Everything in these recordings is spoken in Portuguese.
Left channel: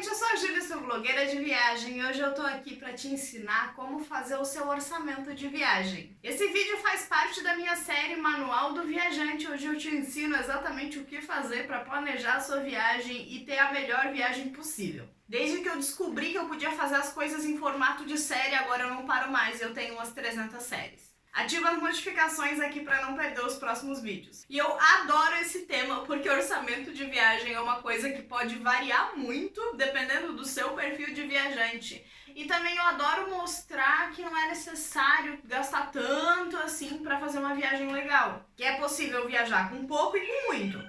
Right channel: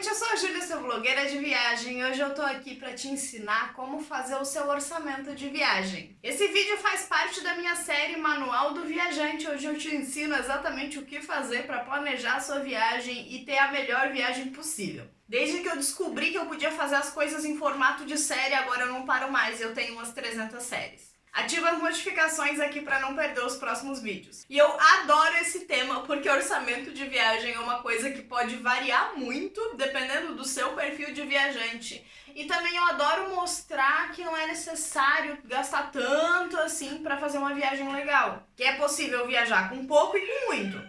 gente, eu sou a Júlia, sou blogueira de viagem e hoje eu tô aqui pra te ensinar como fazer o seu orçamento de viagem. Esse vídeo faz parte da minha série Manual do Viajante, onde eu te ensino exatamente o que fazer pra planejar a sua viagem e ter a melhor viagem possível. Desde que eu descobri que eu podia fazer as coisas em formato de série, agora eu não paro mais, eu tenho umas 300 séries. Ativa as notificações aqui para não perder os próximos vídeos. E eu adoro esse tema porque orçamento de viagem é uma coisa que pode variar muito dependendo do seu perfil de viajante. E também eu adoro mostrar que não é necessário gastar tanto assim para fazer uma viagem legal. Que é possível viajar com pouco e com muito.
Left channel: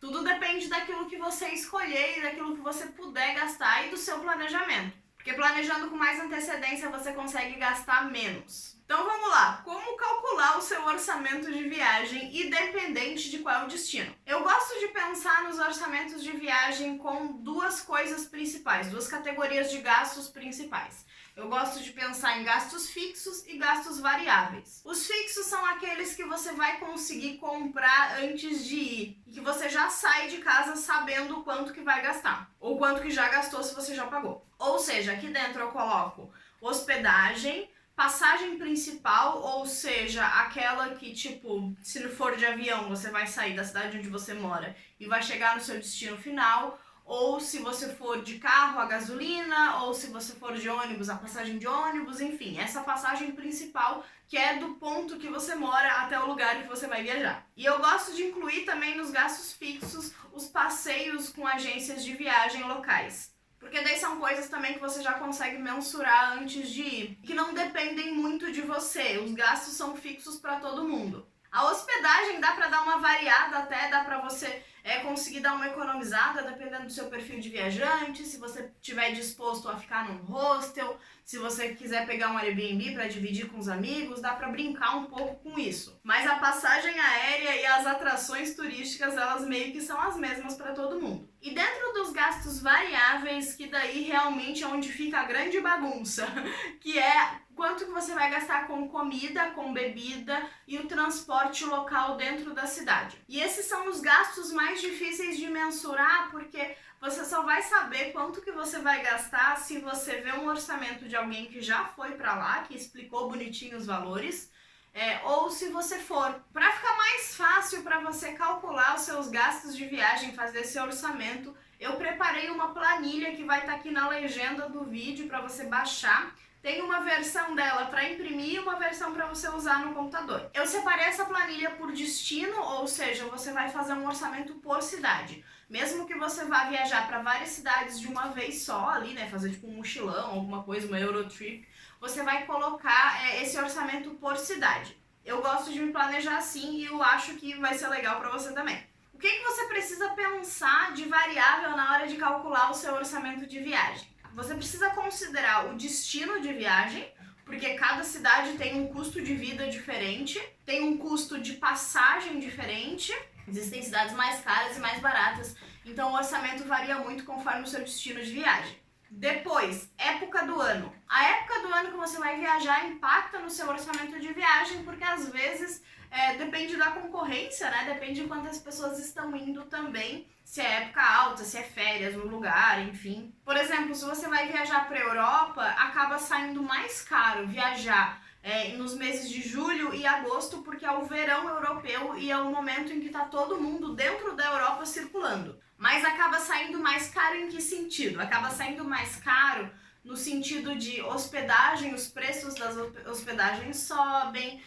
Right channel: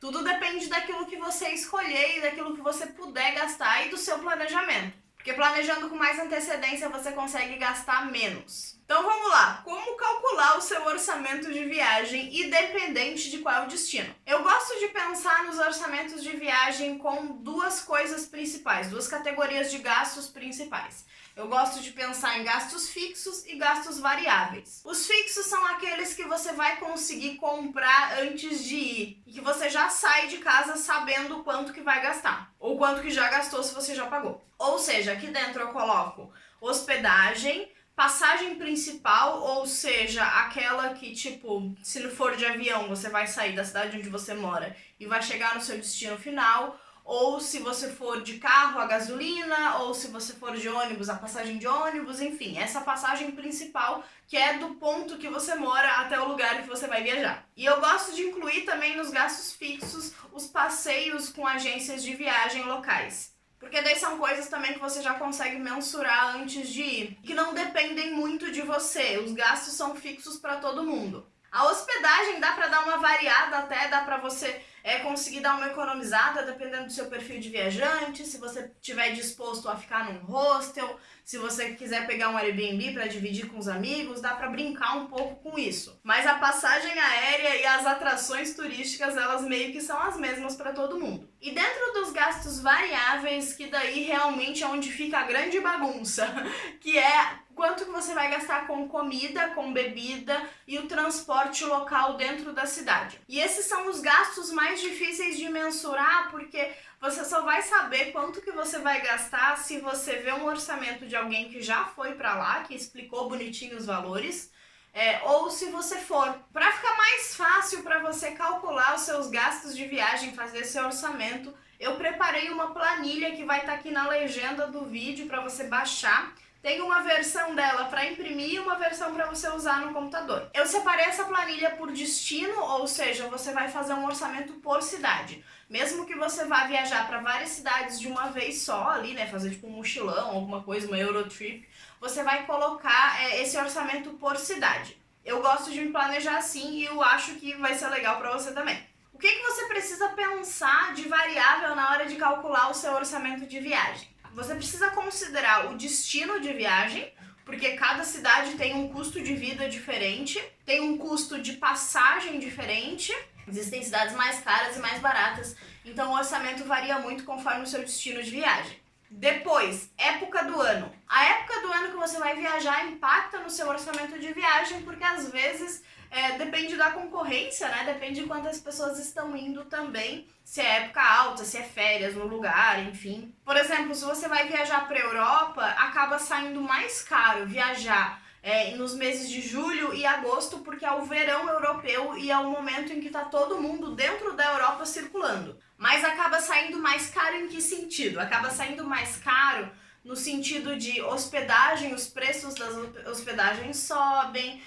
Tudo depende daquilo que você escolher e daquilo que você puder gastar e do seu planejamento. Porque planejando com mais antecedência você consegue gastar menos. Então vamos lá, como calcular o seu orçamento de viagem independente de qual é o destino? Eu gosto de pensar nos orçamentos de viagem com duas coisas principais, duas categorias de gastos principais. Eu gosto de pensar em gastos fixos e gastos variáveis. Os fixos são aqueles que você vai conseguir comprar antes de ir e que você já sai de casa sabendo quanto que vai gastar ou quanto que já gastou se você já pagou. Ou seja, aqui dentro eu coloco hospedagem, passagem principal, ou seja, aquela que, tipo, se não for de avião, você vai sair da cidade onde você mora e vai chegar no seu destino final, ou se você for de carro, a gasolina, ou se você for de ônibus, a passagem de ônibus, enfim, essa passagem principal que é do ponto que você mora até o lugar que você vai viajar. E eu gosto de incluir também nos gastos fixos os passeios com agências de viagem locais. Porque daí são coisas também que você já consegue mensurar antes de ir, que não dependem muito de você, os gastos são fixos para todo mundo. A hospedagem dá para dar uma variada até, dá para você conseguir dar uma economizada dependendo do seu perfil de viajante, se você estiver disposto a ficar num hostel, se você quiser pegar um Airbnb para dividir com os amigos, dá para brincar um pouco com isso. Mas a passagem aérea e as atrações turísticas, elas meio que são as mesmas para todo mundo. E dentro dos gastos variáveis, que daí realmente é onde fica a grande bagunça, que é quanto que você vai gastar com comida, com bebida e o transporte local dentro da cidade. E esses são os gastos mais difíceis de mensurar, porque você só vai saber quanto que você vai gastar se você vê um orçamento de alguém que já foi para lá, que explicou bonitinho os valores, ou se você for. Para ficar mais fácil para você calcular os seus gastos de viagem, fazer seu orçamento, eu preparei uma planilha que vai estar aqui na legenda do vídeo para você baixar. Tem uma versão dela para imprimir e uma versão para você usar no computador. Eu separei essa planilha por destino, ou seja, você vai fazer um orçamento por cidade. Mesmo que você vá viajar para várias cidades de uma vez só ali, né, fazer tipo um mochilão, alguma coisa, uma Eurotrip, você vai colocar esse orçamento por cidade. Eu gosto de me planejar assim e eu acho que vai ser legal para você também. O que você precisa pensar de variável na hora de calcular o seu orçamento de viagem? Você precisa considerar o destino de viagem, porque cada cidade tem um custo de vida diferente, tem um custo de passagem diferente, existem cidades mais caras e mais baratas, então o orçamento varia muito conforme o seu destino de viagem. Depois, época do ano. A época do ano que você vai viajar impacta no seu orçamento de viagem, porque às vezes depende da concorrência, né? Depende de quantas pessoas estão indo também, se é época alta, se é férias no lugar, enfim. Por exemplo, se você vai viajar para a Europa, acaba saindo mais caro viajar nos meses de julho e agosto, porque é o verão europeu e é o momento em que está todo mundo dentro da Europa circulando. Mas acaba saindo mais caro em que sentido? Acaba saindo mais caro no sentido de hospedagem, os preços das hospedagens sobem,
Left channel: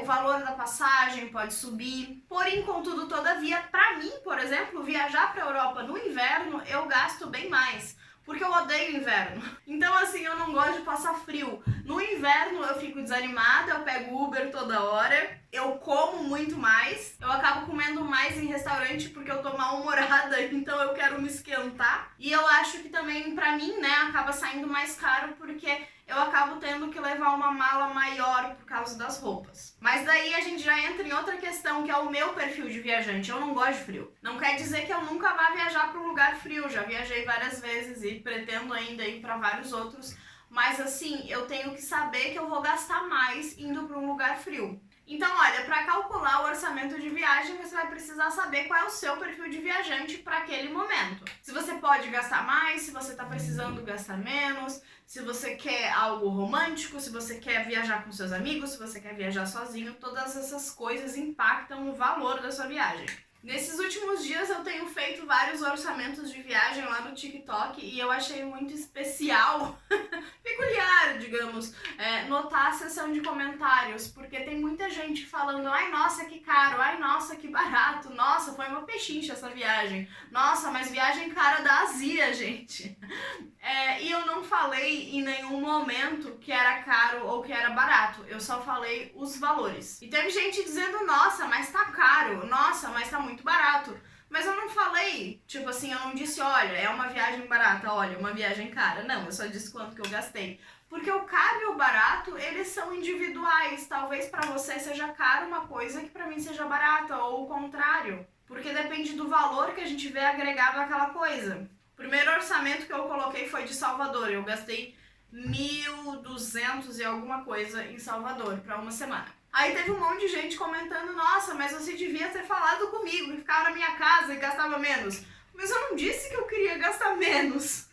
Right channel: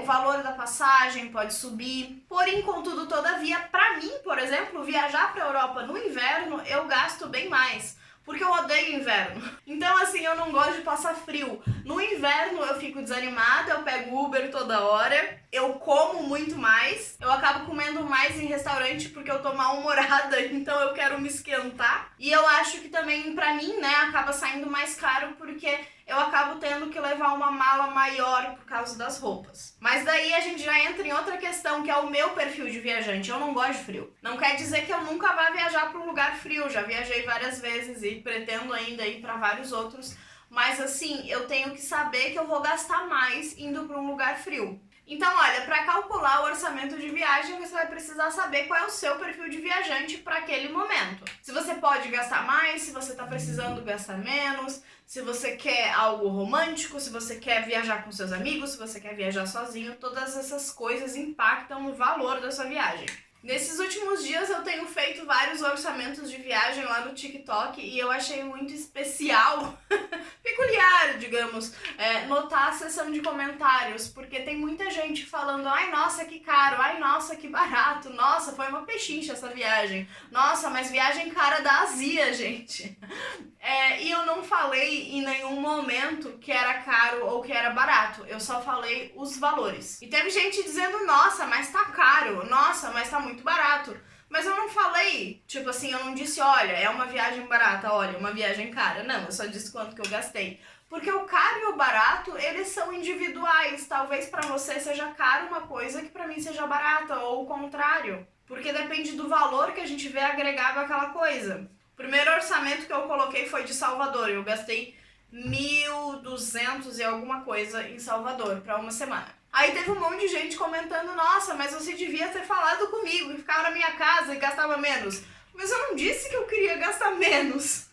o valor da passagem pode subir. Porém, contudo, todavia, para mim, por exemplo, viajar para a Europa no inverno, eu gasto bem mais. Porque eu odeio inverno. Então, assim, eu não gosto de passar frio. No inverno eu fico desanimada, eu pego Uber toda hora, eu como muito mais, eu acabo comendo mais em restaurante porque eu tô mal-humorada, então eu quero me esquentar. E eu acho que também, pra mim, né, acaba saindo mais caro porque eu acabo tendo que levar uma mala maior por causa das roupas. Mas daí a gente já entra em outra questão, que é o meu perfil de viajante. Eu não gosto de frio. Não quer dizer que eu nunca vá viajar para um lugar frio. Já viajei várias vezes e pretendo ainda ir para vários outros. Mas assim, eu tenho que saber que eu vou gastar mais indo para um lugar frio. Então, olha, para calcular o orçamento de viagem, você vai precisar saber qual é o seu perfil de viajante para aquele momento. Se você pode gastar mais, se você está precisando gastar menos, se você quer algo romântico, se você quer viajar com seus amigos, se você quer viajar sozinho, todas essas coisas impactam no valor da sua viagem. Nesses últimos dias eu tenho feito vários orçamentos de viagem lá no TikTok e eu achei muito especial, peculiar, digamos, notar a seção de comentários, porque tem muita gente falando: ai, nossa, que caro, ai, nossa, que barato, nossa, foi uma pechincha essa viagem, nossa, mas viagem cara da Azia, gente. E eu não falei em nenhum momento que era caro ou que era barato, eu só falei os valores. E teve gente dizendo: nossa, mas tá caro, nossa, mas tá muito barato. Mas eu não falei, tipo assim, eu não disse: olha, é uma viagem barata, olha, uma viagem cara. Não, eu só disse quanto que eu gastei. Porque o caro e o barato, eles são individuais. Talvez pra você seja caro uma coisa que pra mim seja barata, ou o contrário. Porque depende do valor que a gente vê agregado àquela coisa. O primeiro orçamento que eu coloquei foi de Salvador. Eu gastei 1.200 e alguma coisa em Salvador pra uma semana. Aí teve um monte de gente comentando: nossa, mas você devia ter falado comigo e ficava na minha casa e gastava menos. Mas eu não disse que eu queria gastar menos.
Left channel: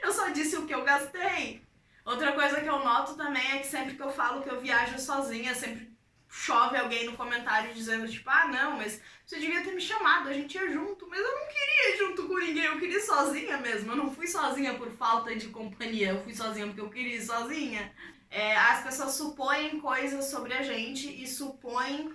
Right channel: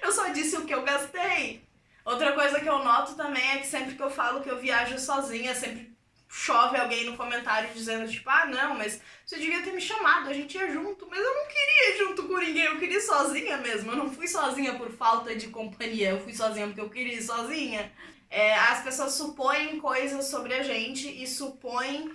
Eu só disse o que eu gastei. Outra coisa que eu noto também é que sempre que eu falo que eu viajo sozinha, sempre chove alguém no comentário dizendo tipo: ah, não, mas você devia ter me chamado, a gente ia junto. Mas eu não queria ir junto com ninguém, eu queria ir sozinha mesmo. Eu não fui sozinha por falta de companhia, eu fui sozinha porque eu queria ir sozinha. As pessoas supõem coisas sobre a gente e supõem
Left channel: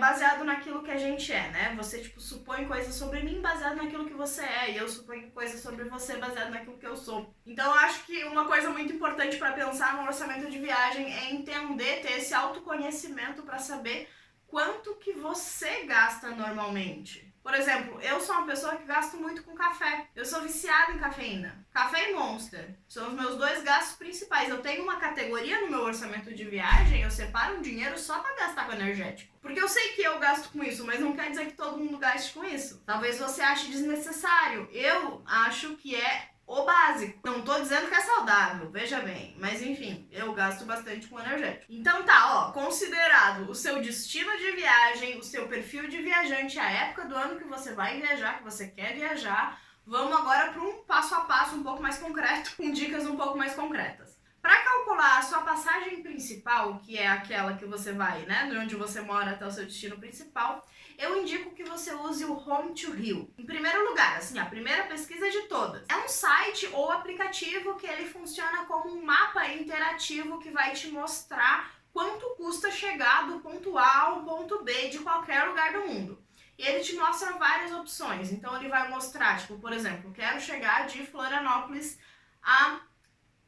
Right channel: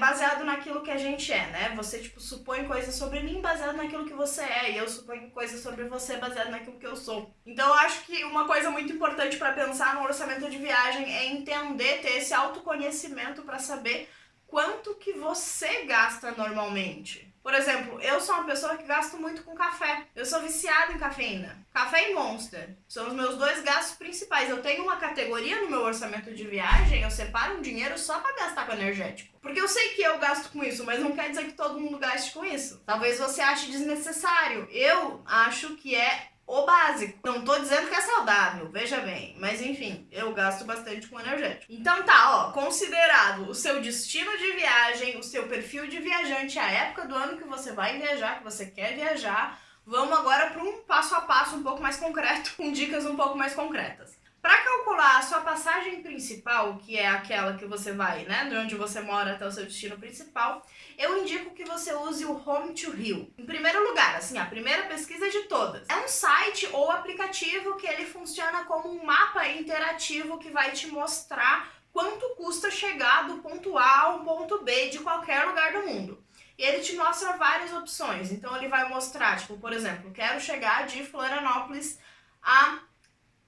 baseado naquilo que a gente é, né? Você, tipo, supõe coisas sobre mim baseado naquilo que você é, e eu suponho coisas sobre você baseado naquilo que eu sou. Então eu acho que uma coisa muito importante para pensar no orçamento de viagem é entender, ter esse autoconhecimento para saber quanto que você gasta normalmente. Por exemplo, eu sou uma pessoa que gasto muito com café. Eu sou viciada em cafeína. Café e Monster são os meus dois gastos principais. Eu tenho uma categoria no meu orçamento de viagem, eu separo um dinheiro só pra gastar com energético. Porque eu sei que eu gasto com isso, mas não quer dizer que todo mundo gaste com isso. Talvez você ache desnecessário. Eu acho que é o básico. Não tô dizendo que é saudável, veja bem. Mas enfim, eu gasto bastante com energético. Então tá, ó, considerado o seu destino de viagem, o seu perfil de viajante, a época do ano que você vai viajar, que você quer viajar, vamos agora para um passo a passo um pouco mais concreto, com dicas um pouco mais concretas. Para calcular a sua passagem principal, que é aquela que você vai, né, de onde você mora até o seu destino principal, eu indico que você use o Home to Rio. Em primeiro lugar, assim, a primeira pesquisa de todas. É um site ou aplicativo que ele funciona como um mapa interativo que vai te mostrar quanto custa chegar do ponto A ao ponto B de qualquer lugar do mundo. E ele te mostra várias opções. Então ele vai mostrar, tipo, por exemplo, quero chegar de Florianópolis a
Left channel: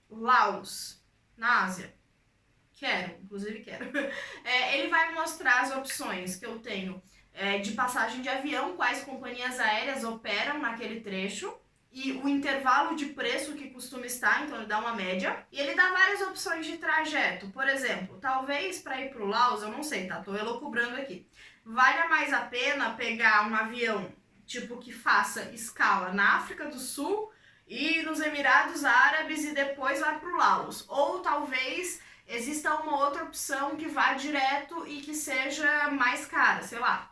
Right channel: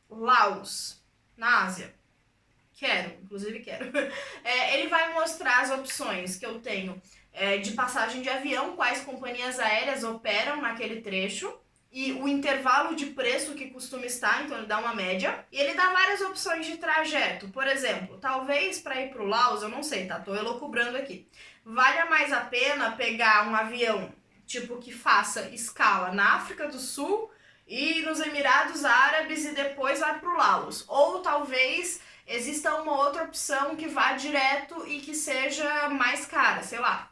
Laos, na Ásia. Inclusive quero. Ele vai mostrar as opções que eu tenho de passagem de avião, quais companhias aéreas operam naquele trecho e o intervalo de preço que costuma estar, então ele dá uma média. E ele dá várias opções de trajeto. Por exemplo, talvez para ir para o Laos, eu não sei, tá? Tô elucubrando aqui. Valha mais a pena pegar um avião, tipo, que faça escala na África do Sul e nos Emirados Árabes e depois vai para o Laos. Ou talvez exista uma outra opção que vá direto e que seja mais cara, sei lá.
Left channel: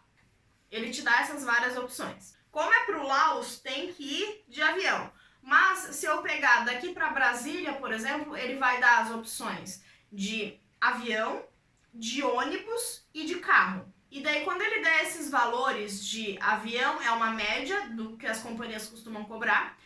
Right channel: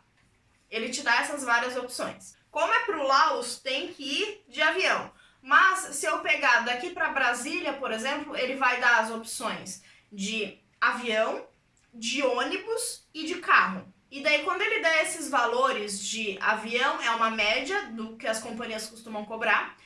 Ele te dá essas várias opções. Como é pro Laos, tem que ir de avião. Mas se eu pegar daqui para Brasília, por exemplo, ele vai dar as opções de avião, de ônibus e de carro. E daí quando ele der esses valores de avião, é uma média do que as companhias costumam cobrar.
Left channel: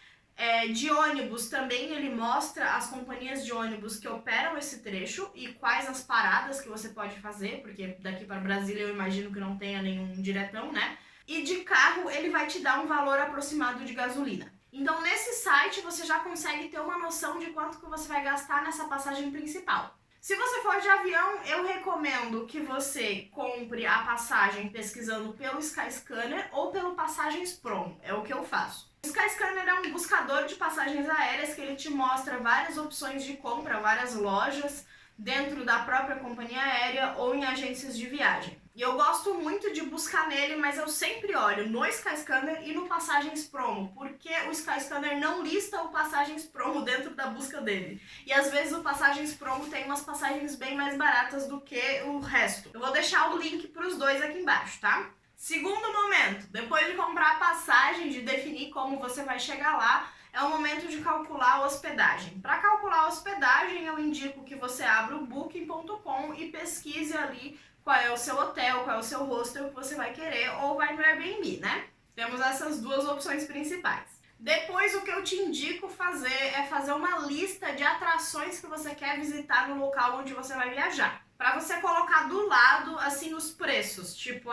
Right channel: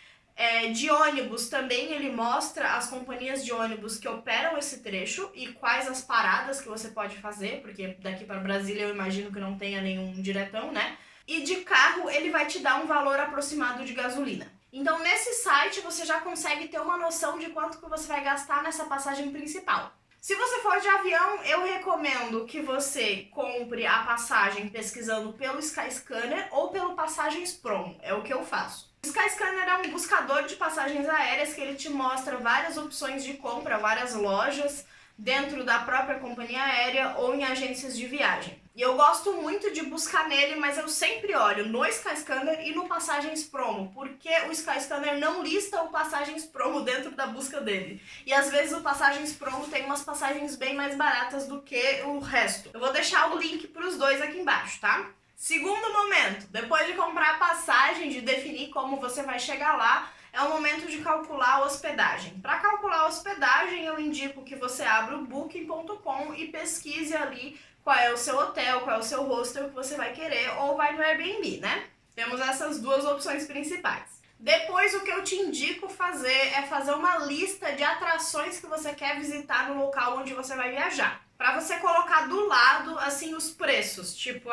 De ônibus também ele mostra as companhias de ônibus que operam esse trecho e quais as paradas que você pode fazer, porque daqui para Brasília eu imagino que não tenha nenhum diretão, né? E de carro ele vai te dar um valor aproximado de gasolina. Então nesse site você já consegue ter uma noção de quanto que você vai gastar nessa passagem principal. Se você for de avião, eu recomendo que você compre a passagem pesquisando pelo Skyscanner ou pelo Passagens Promo, é o que eu faço. O Skyscanner é um buscador de passagens aéreas que ele te mostra várias opções de compra, várias lojas dentro da própria companhia aérea ou em agências de viagem. E eu gosto muito de buscar nele, mas eu sempre olho no Skyscanner e no Passagens Promo, porque o Skyscanner não lista o Passagens Promo dentro da busca dele. E às vezes o Passagens Promo tem umas passagens bem mais baratas do que o resto. Eu vou deixar o link para os dois aqui embaixo, tá? Segundo momento, depois de comprar a passagem, de definir como você vai chegar lá, é o momento de calcular a hospedagem. Para calcular a hospedagem, eu indico que você abra o booking.com e pesquise ali qual é o seu hotel, qual é o seu hostel que você vai querer, ou vai no Airbnb, né? Temos essas duas opções principais. Depois, o que eu te indico fazer é fazer uma lista de atrações que você quer visitar no local onde você vai viajar. Para você colocar do lado, assim, os preços. Tipo,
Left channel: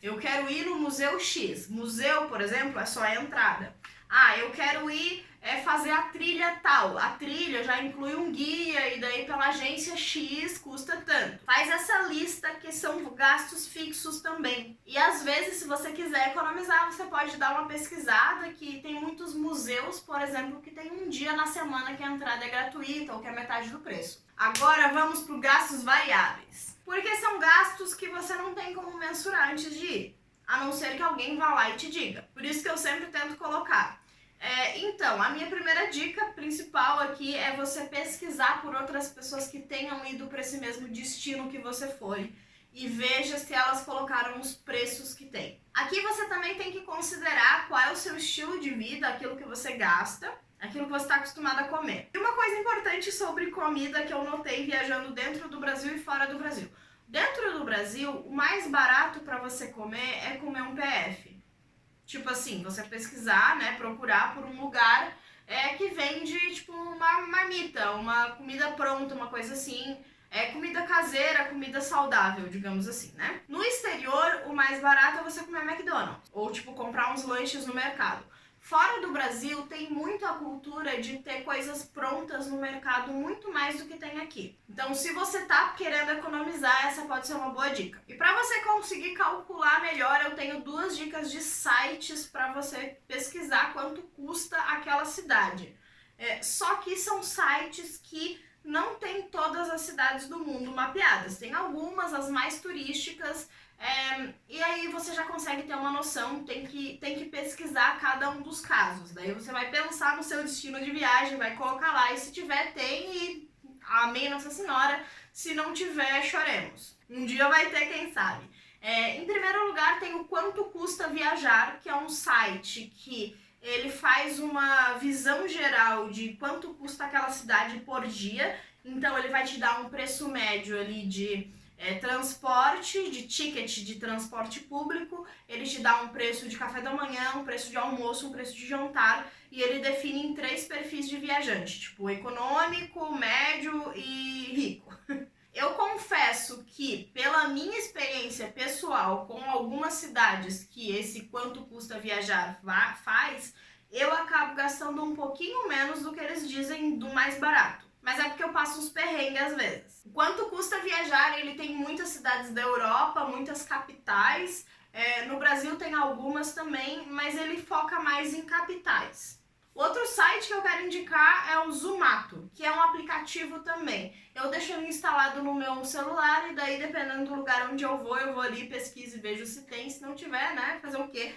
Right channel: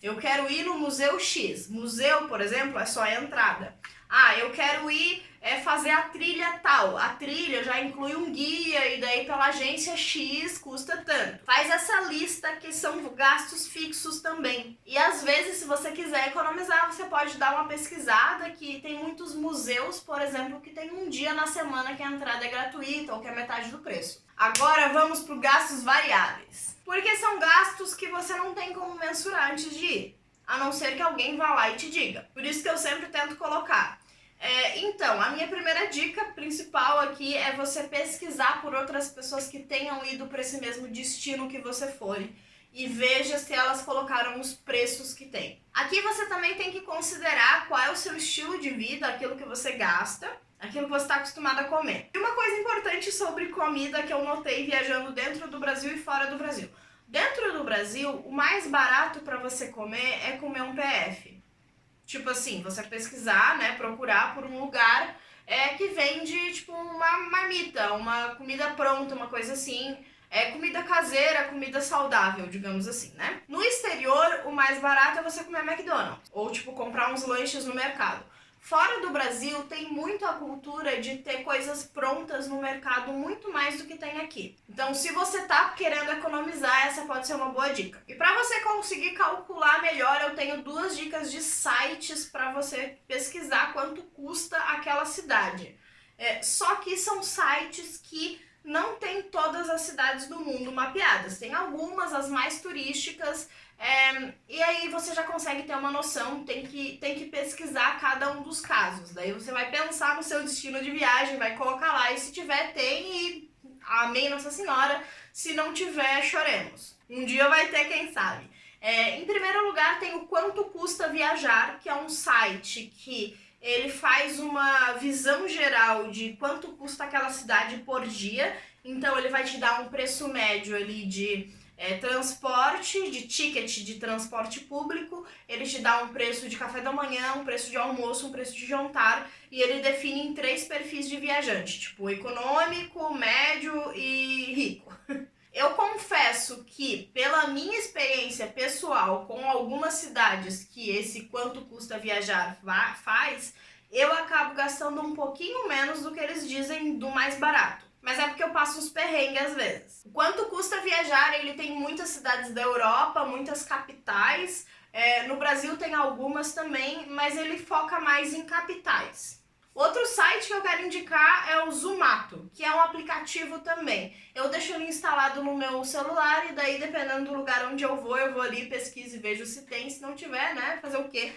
eu quero ir no Museu X. Museu, por exemplo, é só a entrada. Eu quero ir fazer a trilha tal. A trilha já inclui um guia e daí pela agência X custa tanto. Faz essa lista que são gastos fixos também. E às vezes, se você quiser economizar, você pode dar uma pesquisada, que tem muitos museus, por exemplo, que tem um dia na semana que a entrada é gratuita ou que é metade do preço. Agora vamos para os gastos variáveis. Porque são gastos que você não tem como mensurar antes de ir, a não ser que alguém vá lá e te diga. Por isso que eu sempre tento colocar. Então, a minha primeira dica principal aqui é você pesquisar por outras pessoas que tenham ido para esse mesmo destino que você for e veja se elas colocaram os preços que tem. Aqui você também tem que considerar qual é o seu estilo de vida, aquilo que você gasta, aquilo que você está acostumado a comer. E uma coisa importante sobre comida que eu notei viajando dentro do Brasil e fora do Brasil. Dentro do Brasil, o mais barato para você comer é comer um PF. Tipo assim, você pesquisar, né, procurar por um lugar que vende, tipo, uma marmita, uma comida pronta, uma coisa assim, comida caseira, comida saudável, digamos assim, né? No exterior, o mais barato é você comer McDonald's, ou, tipo, comprar uns lanches no mercado. Fora do Brasil, tem muito a cultura de ter coisas prontas no mercado, muito mais do que tem aqui. Então, se você tá querendo economizar, essa pode ser uma boa dica. E para você conseguir calcular melhor, eu tenho duas dicas de sites para você pesquisar quanto custa aquela cidade. Só que são sites que não tem todas as cidades do mundo mapeadas. Tem algumas, as mais turísticas, e aí você já consegue ter uma noção, tem que pesquisar cada um dos casos. Daí você vai pensar no seu destino de viagem, vai colocar lá, e se tiver, tem, e amém Nossa Senhora. Se não tiver, choremos. Um dia vai ter, quem sabe. Em primeiro lugar, tem o Quanto Custa Viajar, que é um site que ele faz uma visão geral de quanto custa aquela cidade por dia. Então ele vai te dar um preço médio ali de transporte, de ticket de transporte público, ele te dá um preço de café da manhã, um preço de almoço, um preço de jantar, e ele define em 3 perfis de viajante, tipo econômico, médio e rico. Eu confesso que, pela minha experiência pessoal com algumas cidades que esse Quanto Custa Viajar faz, eu acabo gastando um pouquinho menos do que eles dizem do mais barato. Mas é porque eu passo uns perrengues às vezes. O Quanto Custa Viajar, ele tem muitas cidades da Europa, muitas capitais. No Brasil tem algumas também, mas ele foca mais em capitais. Outro site que eu quero indicar é o Zomato, que é um aplicativo também. Eu deixo ele instalado no meu celular e daí, dependendo do lugar onde eu vou ali, pesquiso e vejo se tem. Se não tiver, né, fazer o quê?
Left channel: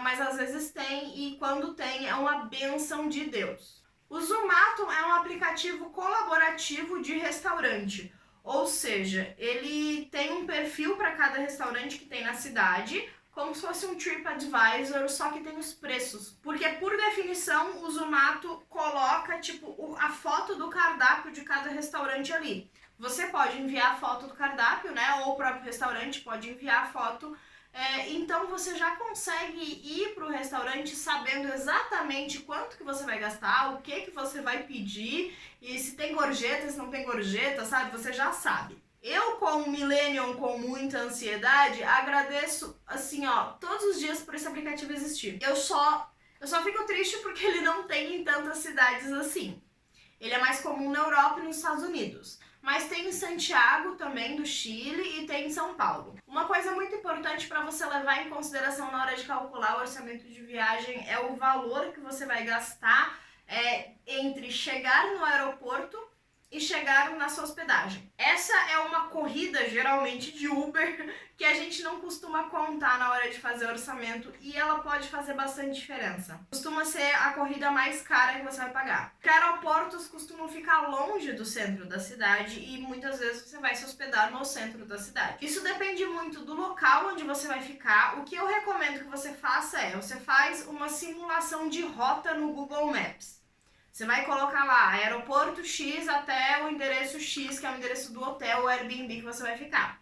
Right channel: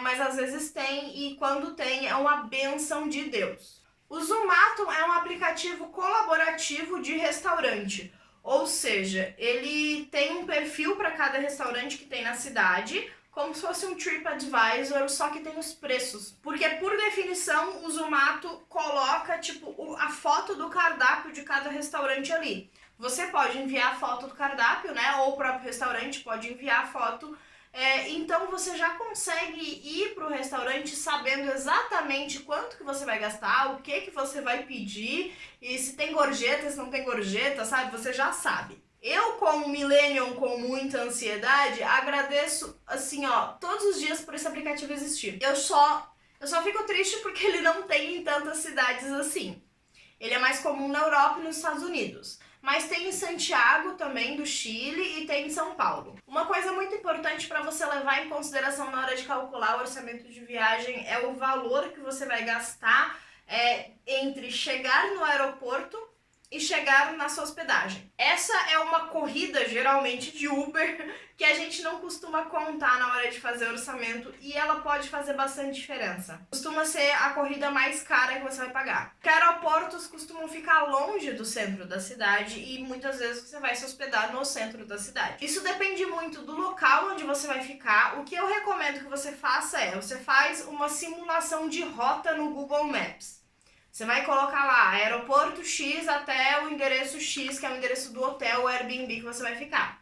Mas às vezes tem, e quando tem é uma bênção de Deus. O Zomato é um aplicativo colaborativo de restaurante, ou seja, ele tem um perfil para cada restaurante que tem na cidade, como se fosse um TripAdvisor, só que tem os preços. Porque, por definição, o Zomato coloca, tipo, a foto do cardápio de cada restaurante ali. Você pode enviar a foto do cardápio, né, ou o próprio restaurante pode enviar a foto. Então você já consegue ir para o restaurante sabendo exatamente quanto que você vai gastar, o que você vai pedir, e se tem gorjeta, se não tem gorjeta, sabe? Você já sabe. Eu, como millennial com muita ansiedade, agradeço, assim, todos os dias por esse aplicativo existir. Eu só fico triste porque ele não tem em tantas cidades assim. Ele é mais comum na Europa e nos Estados Unidos. Mas tem em Santiago também, do Chile, e tem em São Paulo. Uma coisa muito importante para você levar em consideração na hora de calcular o orçamento de viagem é o valor que você vai gastar entre chegar no aeroporto e chegar na sua hospedagem. Essa é uma corrida, geralmente, de Uber, que a gente não costuma contar na hora de fazer orçamento e ela pode fazer bastante diferença. Costuma ser a corrida mais cara que você vai pagar. Porque aeroportos costumam ficar longe do centro da cidade e muitas vezes você vai se hospedar no centro da cidade. Isso depende muito do local onde você vai ficar. O que eu recomendo que você faça você faz uma simulação de rota no Google Maps. Você vai colocar lá, aeroporto X até o endereço X, que é o endereço do hotel ou Airbnb que você vai ficar.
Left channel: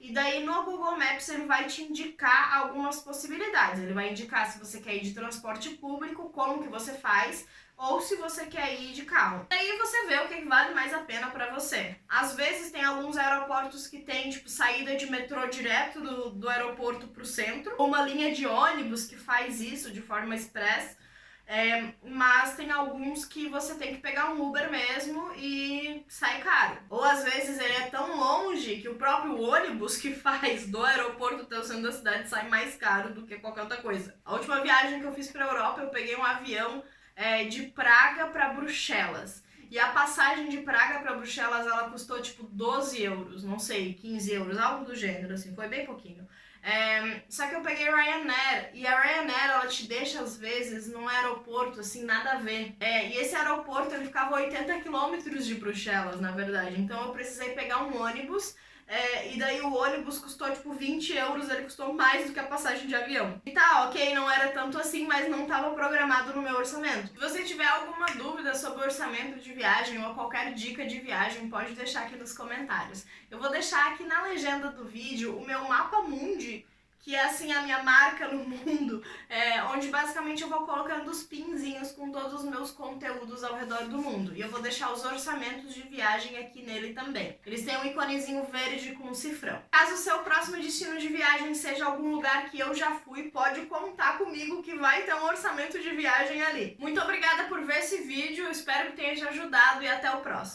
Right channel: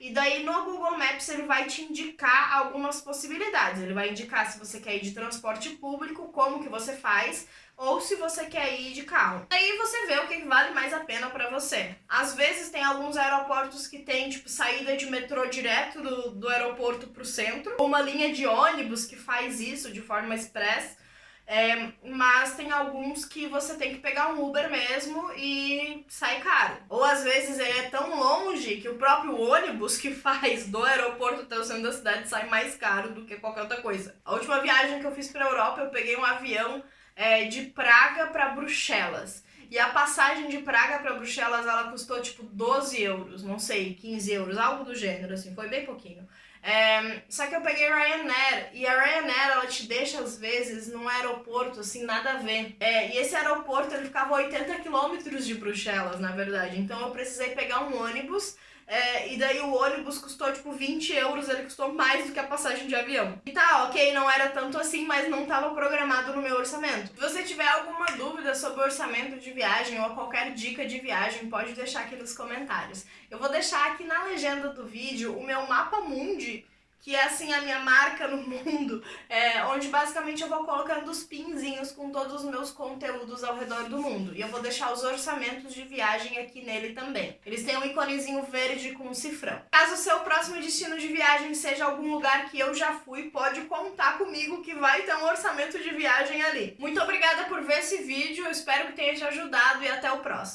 E daí no Google Maps ele vai te indicar algumas possibilidades. Ele vai indicar se você quer ir de transporte público, como que você faz, ou se você quer ir de carro. Aí você vê o que vale mais a pena para você. Às vezes tem alguns aeroportos que tem tipo saída de metrô direto do aeroporto pro centro, ou uma linha de ônibus que faz isso de forma express. Mas tem alguns que você tem que pegar um Uber mesmo e sai caro. Ou às vezes ele é tão longe que o próprio ônibus que faz do aeroporto até o centro da cidade sai mais caro do que qualquer outra coisa. A última viagem que eu fiz pra Europa, eu peguei um avião de Praga para Bruxelas. E a passagem de Praga para Bruxelas, ela custou tipo 12 euros, não sei, 15 euros, algo do gênero, assim, foi bem pouquinho. Só que eu peguei Ryanair, e a Ryanair, ela te deixa às vezes num aeroporto, assim, nada a ver. E esse aeroporto, ele ficava a 80 quilômetros de Bruxelas, na verdade. Então eu precisei pegar um ônibus, e daí o ônibus custou tipo 20 euros, ele custou mais do que a passagem de avião. E tá, ok, não era tanto assim, mas não estava programado no meu orçamento. Se você tiver alguma dúvida sobre orçamento de viagem ou qualquer dica de viagem, pode deixar aqui nos comentários. Eu vou deixar aqui na legenda do vídeo o meu mapa mundi, que é assim a minha marca no mundo, onde basicamente eu vou colocando os pinzinhos com todos os meus conteúdos ao redor do mundo. E eu vou deixar os orçamentos de viagem aqui nele também. Eles têm um iconezinho verde com um cifrão. Caso o seu próximo destino de viagem seja algum lugar que eu já fui, pode contar comigo que vai ter um orçamento de viagem ali. Muito obrigada por ver esse vídeo, eu espero que tenha te ajudado e até o próximo.